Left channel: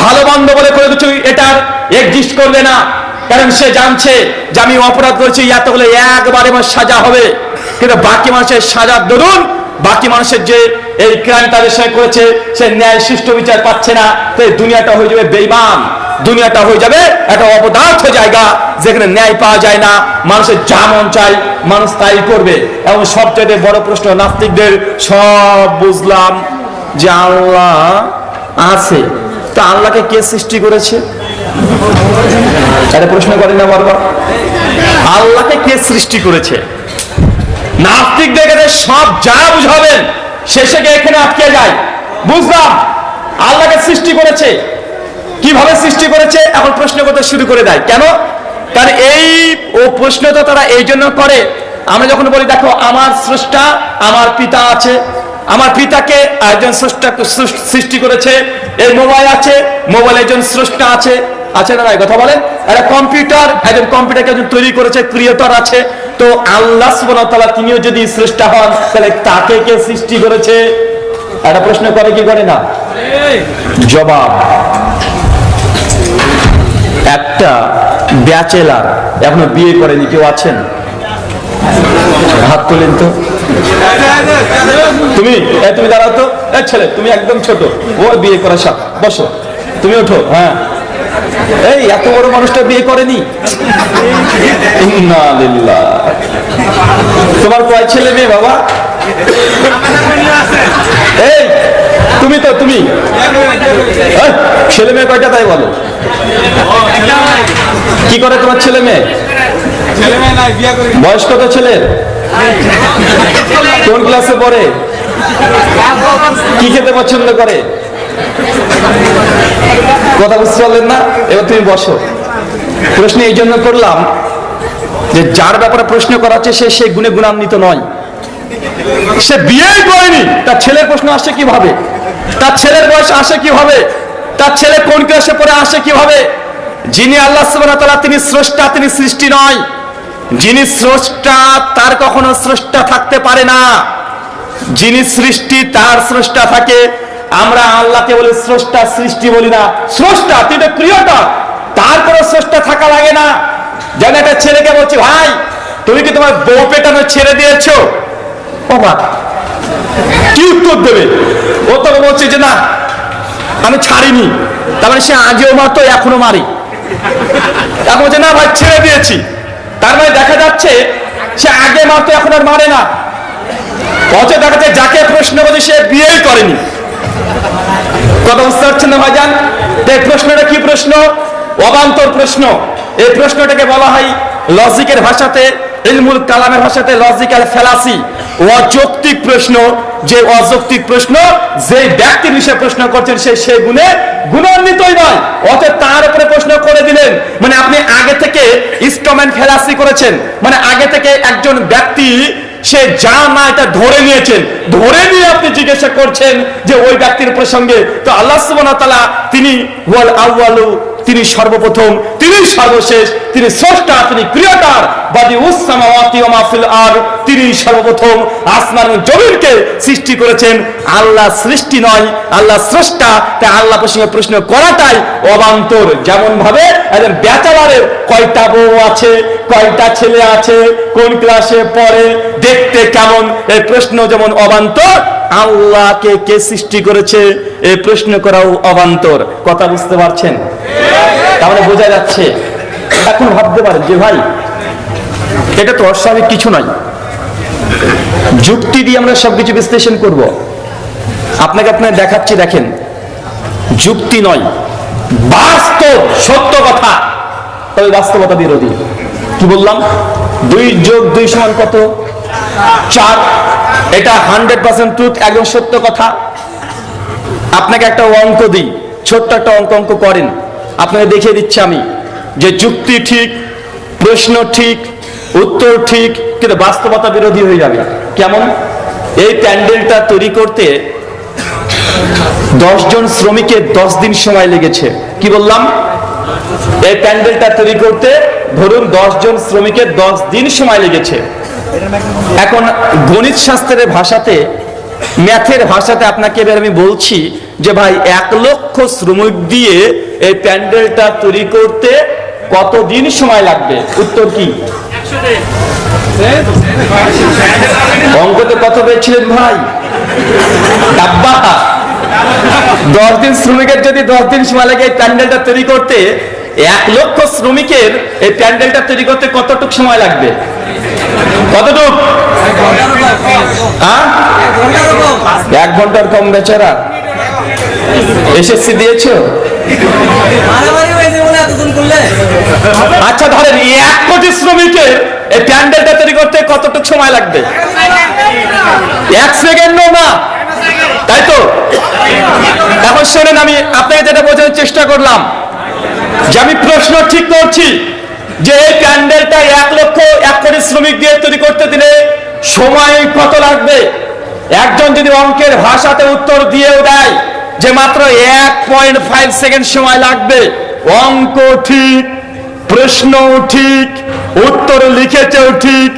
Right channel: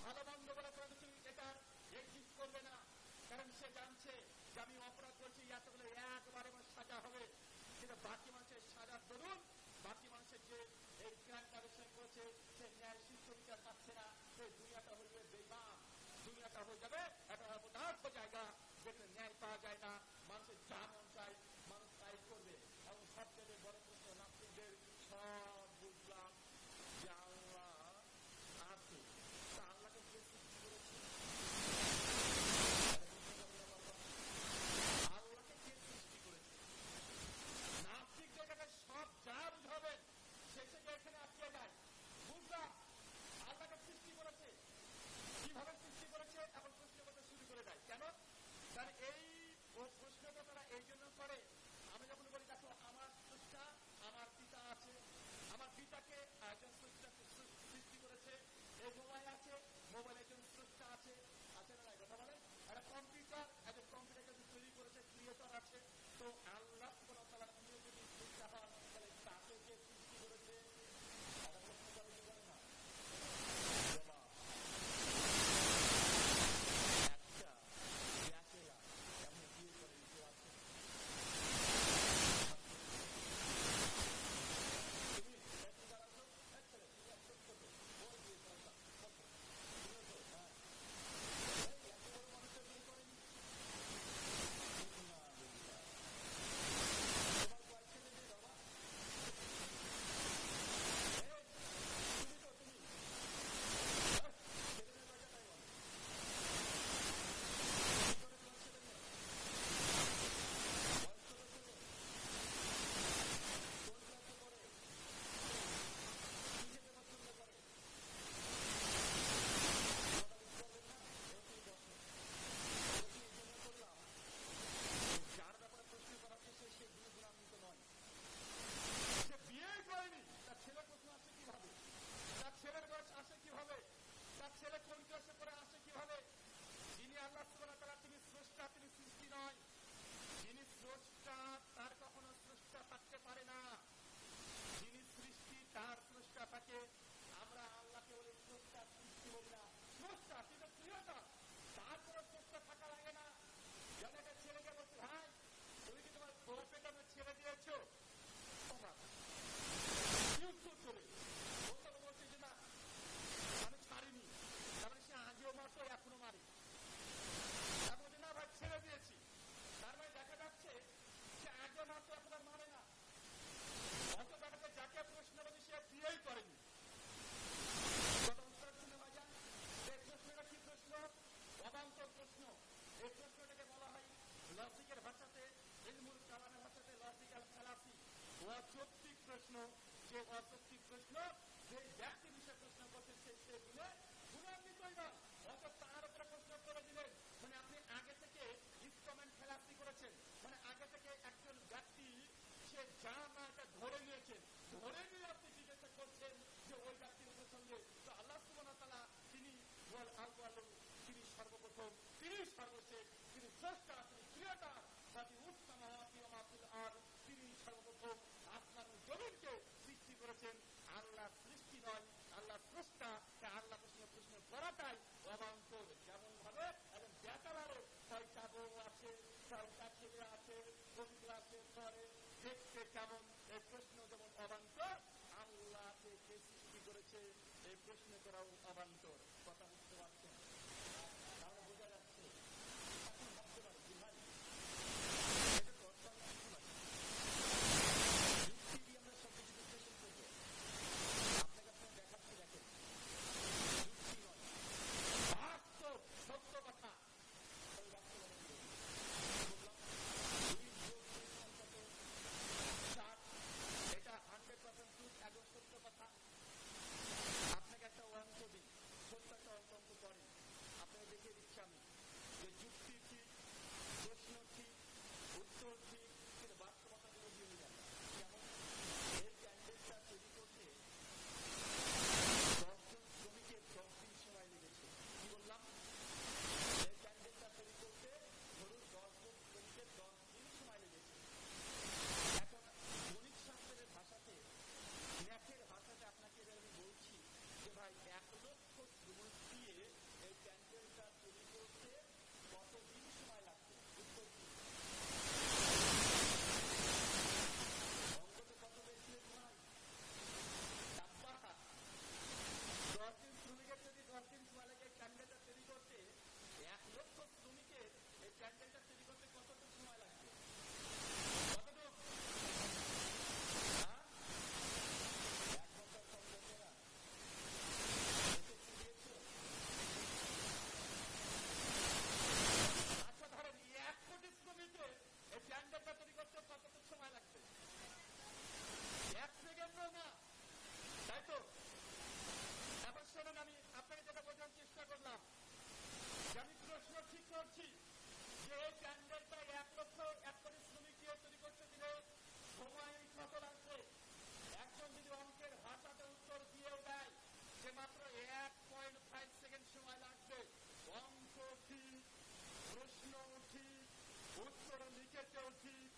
ভালো বন্ধ বলে কোনো কিছু এটার এক্সিস্ট করবে না। কারণ সে জানছে যে আমি অপরাধ করেছি এতগুলো একবারে আমার সাজা হবে। কিন্তু বাকি মানুষের সাজার দরুন, বাকি মানুষের যে এই ক্রাইম তাদের সঙ্গে করেছে, সে ন্যায় সুষ্ঠু বিচার পাচ্ছে না। তো এই দুনিয়াটা হয়ে যাবে বেইমান দুনিয়াটা হয়ে যাবে একটা অপদার্থ জায়গা, যেখানে ন্যায় পাওয়া যায় না। মানুষের যা মন চাই মানুষ তাই করবে। এবং সবচেয়ে বড় প্রশ্ন, নাস্তিকদের সব বুঝলাম যে আল্লাহ আছে। তা আল্লাহকে কে সৃষ্টি করেছে? এটা প্রশ্ন করেন না বারবার। আল্লাহকে কে সৃষ্টি করেছে? নাস্তিক দেখে সব যা বুঝাবেন, শেষে এখানে আটকে যায়। বুঝলাম, আল্লাহকে সৃষ্টি করেছে। কীভাবে সৃষ্টি করেছে? এখন প্রশ্ন করতে শুরু করে দেয়। কেন? কারণ এই ও প্রশ্ন তো তারা এই জন্য করে। আমরা যখন বলি, দেখো, আমার স্রষ্টা, আমার পিতা আছে। আমার পিতাকে একজন সৃষ্টি করেছে। এই মোবাইল আছে, মোবাইল একজন স্রষ্টা আছে। আছে না কথা বলেন? একটা কম্পিউটার, একজন কম্পিউটারকে একজন তৈরি করেছে, ক্রিয়েটর আছে। তো আল্লাহ সুবহানাহু তিনিও যদি স্রষ্টা হন, তাহলে তাকে কে সৃষ্টি করেছে? একটা প্রশ্ন করে কি করে না? জবাব। একটা ব্যাচেলার এখনও বিয়ে করেনি, কেউ আছেন? হাত তোলেন তো। তুমি, এ, তুমি দাঁড়াও তো। এ, ছেলে, তুমি একদম ছোট। ওর বিয়ে করার সাথ বসো। তুমি ওঠো হ্যাঁ। এই, এত বড় মানুষটা বিয়ে করেনি? তোমার কয় ছেলে মেয়ে, বাবা? এই, তুমি তো, তুমি। ছেলে মেয়ে কয়টা তাই বলো? কি করে তোমার ছেলে মেয়ে? বয়স কত ছেলের? কোন ক্লাসে পড়ে? কি খেতে পছন্দ করে? কথা বুঝতে পারলেন না? এবার তুমি বসো। প্রশ্ন এই জন্য করলাম যে যার ব্যাপারে প্রশ্ন করা সে সেই গুণে গুণান্বিত নয়। সে বিয়েই করেনি। তার ছেলের প্রশ্ন আসে কীভাবে? তার ছেলের বয়স আসে কীভাবে? তার ছেলে কোন ক্লাসে পড়ে, আসে কীভাবে? যিনি আল্লাহ তাআলা, তিনি স্রষ্টা, তিনি সৃষ্টি নয়। যিনি স্রষ্টা, তার কখনো স্রষ্টা থাকতে পারে না। যিনি সৃষ্টি, তার স্রষ্টা থাকে। আমরা আল্লাহকে বলি স্রষ্টা, সৃষ্টি বলি না। স্রষ্টা তুই তো প্রিয়টা তার কোনো স্রষ্টা থাকা লাগে না। যেন একটা ছেলেকে বলছি, ভাই, তুমি কি তোমার বউ পেটানো ছেড়ে দিয়েছ? বাবা কি উত্তর দেবে? ও তো বলছে যে, না, আমি ছাড়িনি। তার মানে সে আগেও মারতো, এখনও মারি। এখন বলছে, না ভাই, ছেড়ে দিয়েছি। তার মানে দেখা যাচ্ছে, সে আগে মারতো এখন আর মারে না। অথচ দেখা যাচ্ছে যাকে প্রশ্ন করছে, সে বিয়েই করেনি। কথা বুঝতে পারছেন না ভাইজান? এই প্রশ্নটা কি প্রশ্ন? অবান্তর প্রশ্ন। এই প্রশ্নটাকে বলা হয় লজিকের ভাষাতে ইলমুল কালামের ভাষাতে লজিক্যাল ফেলাসি অযৌক্তিক প্রশ্ন, যে অযৌক্তিক প্রশ্ন যে ব্যক্তির বিষয়ে প্রশ্ন করছেন, সে সে গুণে গুণান্বিতই নয়, অতএব তার উপরে প্রশ্ন করে দিলেন। মানে আপনি আগে থেকে ইনস্ট্রুমেন্ট ফেলাসি করেছেন মানে আগে থেকে একজন ব্যক্তি, সে যা না এটা ধরে নিয়েছেন, ধরে নিয়ে আপনি জিজ্ঞাসা করছেন যে ওই ব্যক্তির প্রসঙ্গে, তো আল্লাহ ওয়া তিনি ওয়াল আউয়ালু, তিনি সর্বপ্রথম, তিনি সর্বশেষ, তিনি স্রষ্টা, তিনি ক্রিয়েটর কয়টা ছেলে আছে, কোন ক্লাসে পড়ে, দেখতে কেমন, এই প্রশ্ন যেমন অবান্তর, আল্লাহকে কে সৃষ্টি করেছে, এই প্রশ্ন করাও অবান্তর। কথা বুঝতে পারছেন? তাহলে বোঝা যাচ্ছে। এখন ভাবতে পারেন যে ভাই এটা তো অস্বাভাবিক, কিছু নয় যুক্তি দিয়ে আমরা সবকিছু বিশ্লেষণ করব। আপনাকে আপনার দেখাচ্ছি, দেখেন। যুক্তি নয়, বাস্তব, সত্য কথা। তবে বাস্তবতা বিরোধী। কি বললাম? দুই যোগ দুই সমান কত? চার। এটা হান্ড্রেড পার্সেন্ট ট্রুথ একদম সত্য কথা। আপনাকে একটা অঙ্ক দিই, ছোট্ট একটা অঙ্ক অঙ্ক করেন। আপনাকে দেখিয়ে দিচ্ছি আমি যে যুক্তি ঠিক, প্রশ্ন ঠিক উত্তর ঠিক, কিন্তু বাস্তবতা বিরোধী হয়ে যাবে। কেমন? এই প্যান্ডেলটা তৈরি করতে জন শ্রমিকের দশ দিন সময় লেগেছে। কি বললাম? এই প্যান্ডেলটা তৈরি করতে ধরুন জন শ্রমিকের দশ দিন সময় লেগেছে। এখন গণিত শাস্ত্রের ভাষাতে, ম্যাথের ভাষাতে আপনাকে এবার আমি বলছি যে ভাই, এক লক্ষ শ্রমিক দিয়ে এই প্যান্ডেলটা তৈরি করতে কতদিন সময় লাগবে? উত্তর কি? অঙ্কতে কত পেয়েছিলেন ভাই? ডাব্বা দশ দিন শ্রমিকের যদি দশ দিন সময় লাগে এই প্যান্ডেলটা তৈরি করতে, এক লক্ষ শ্রমিকের এই প্যান্ডেলটা তৈরি করতে কতটুক সময় লাগবে? কতটুক? হ্যাঁ? এক ঘণ্টার কম বেচারা। এসএসসি দিয়েছ? আচ্ছা ধরেন এক কোটি শ্রমিকের এই প্যান্ডেলটা তৈরি করতে কতটুক সময় লাগবে? এক সেকেন্ডও না। তাই তো? এখন শোনেন, আমি আপনাকে যেটা বোঝানোর চেষ্টা করলাম, যে আমি প্রশ্ন ঠিক করছি যে এই প্যান্ডেলটা এক লক্ষ এক কোটি শ্রমিক দিয়ে তৈরি করতে দিলে সময় কত লাগবে? একজন যদি অঙ্কের ভাষাতে উত্তর দিয়েও দেয় যে মাত্র এক পয়েন্ট ফাইভ সেকেন্ড সময় লাগবে অঙ্ক ঠিক প্রশ্ন ঠিক, উত্তর লিখেছেও ঠিক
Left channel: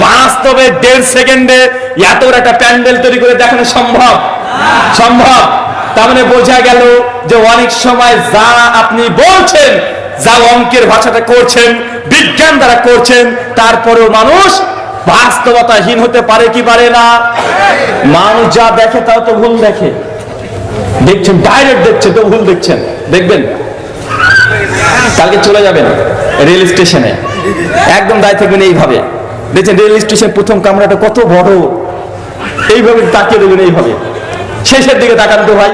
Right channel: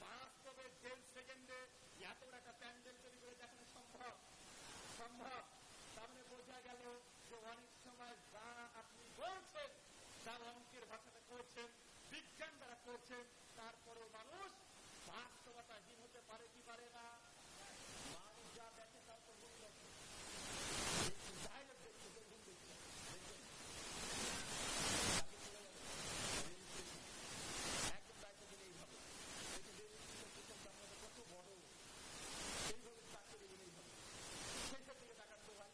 বাস্তবে দেড় সেকেন্ডে এত একটা প্যান্ডেল তৈরি করে দেখানো সম্ভব? সম্ভব। তার মানে বোঝা গেল যে অনেক সময় যা আপনি বলছেন, যা অঙ্কের ভাষাটা করছেন, বিজ্ঞান দ্বারা করছেন, তারপরেও মানুষ বাস্তবতাহীন হতে পারে কি পারে না? মানুষ যা দেখে তাও তো ভুল দেখে। দেখছেন ডাইরেক্ট দেখছে, তো ভুল দেখছেন। দেখবেন? কালকে চলে যাবেন রেল স্টেশনে। একদম দায় থাকবেন এইভাবে। দেখছেন, রেল স্টেশন প্রথম কামরাটা কত বড়। এইভাবে তাকিয়ে দেবেন এইভাবে। শেষের দিকে তাকান তো ভাই।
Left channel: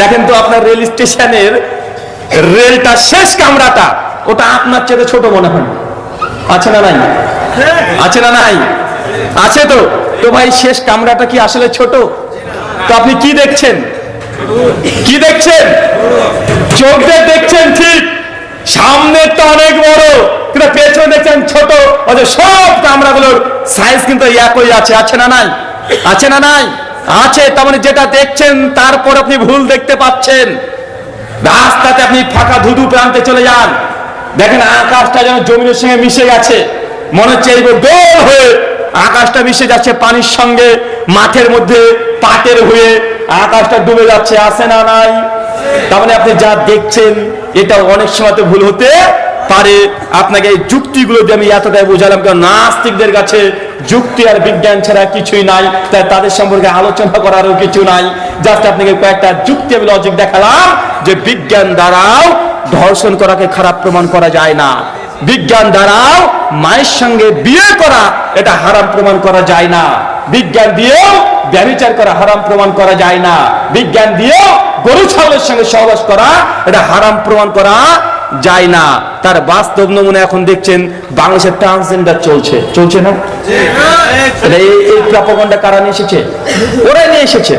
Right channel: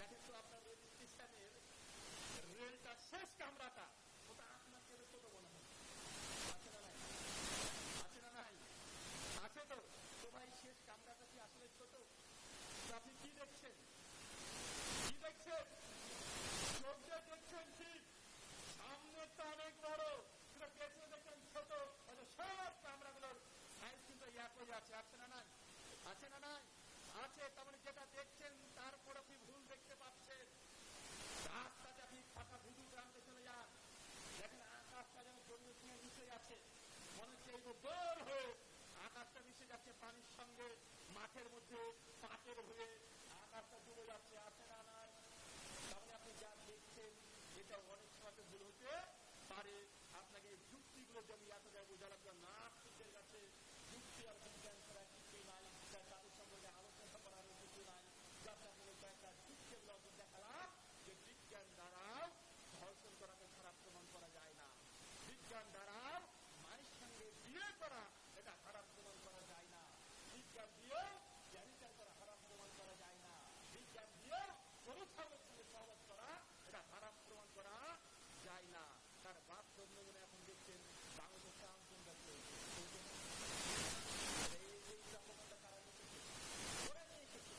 দেখেন তো আপনার রেল স্টেশনের রেলটা শেষ কামরাটা। ওটা আপনার চেয়ে ছোট মনে হয়। আছে না নাই? আছে না নাই? আছে তো। তো ভাই, শেষ কামরাটা কি আসলে ছোট? তো আপনি কি দেখছেন? কি দেখছেন? চোখ দেখছেন ঠিক সামনেরটা অনেক বড়, কিন্তু পেছনে দেখছেন ছোট, অথচ সব কামরাগুলোর সাইজ কিন্তু একই আছে। আছে না নাই? আছে না নাই? আছে, তার মানে যেটা দেখছেন, তারপর আপনি ভুল দেখতে পাচ্ছেন। রাস্তাতে আপনি ফাঁকা ধুধু প্রান্তে চলে যান। দেখেন আকাশটা যেন জমিনের সঙ্গে মিশে গেছে। মনে হচ্ছে এই গোল হয়ে আকাশটা মিশে যাচ্ছে পানির সঙ্গে, মাঠের মধ্যে পাটের হয়ে আকাশটা ডুবে যাচ্ছে। আসে না নাই? তার মানে আপনি যা দেখছেন এটা অনেক সময় ভুল হতে পারে। আপনাকে এই যুক্তিগুলো দিয়ে আমি এতটাই বোঝালাম, কারণ নাস্তিকদের কাছে যুক্তি আর বিজ্ঞান ছাড়া কিছুই নাই, তাই তাদের সম্পর্কে আলোচনা করারও কিছু নাই। জাস্ট আপনাকে কয়েকটা যুক্তি আমি লজিক দেখালাম, যে বিজ্ঞান দ্বারাও ধর্ষণ করাকে খারাপ প্রমাণ করা যায় না। বিজ্ঞান দ্বারাও মায়ের সঙ্গে বিয়ে করা, এটা হারাম প্রমাণ করা যায় না। বিজ্ঞান দিয়েও ব্যবচার করা হারাম প্রমাণ করা যায় না। বিজ্ঞান দিয়েও গরু ছাগলের সঙ্গে সহবাস করা এটা হারাম প্রমাণ করা যায় না। তার বাস্তব নমুনা এখন দেখছেন বাংলাদেশের ট্রান্সজেন্ডার চলছে। চলছে না? এই এই কারা নিয়ে এসেছে? ওরাই নিয়ে এসেছে।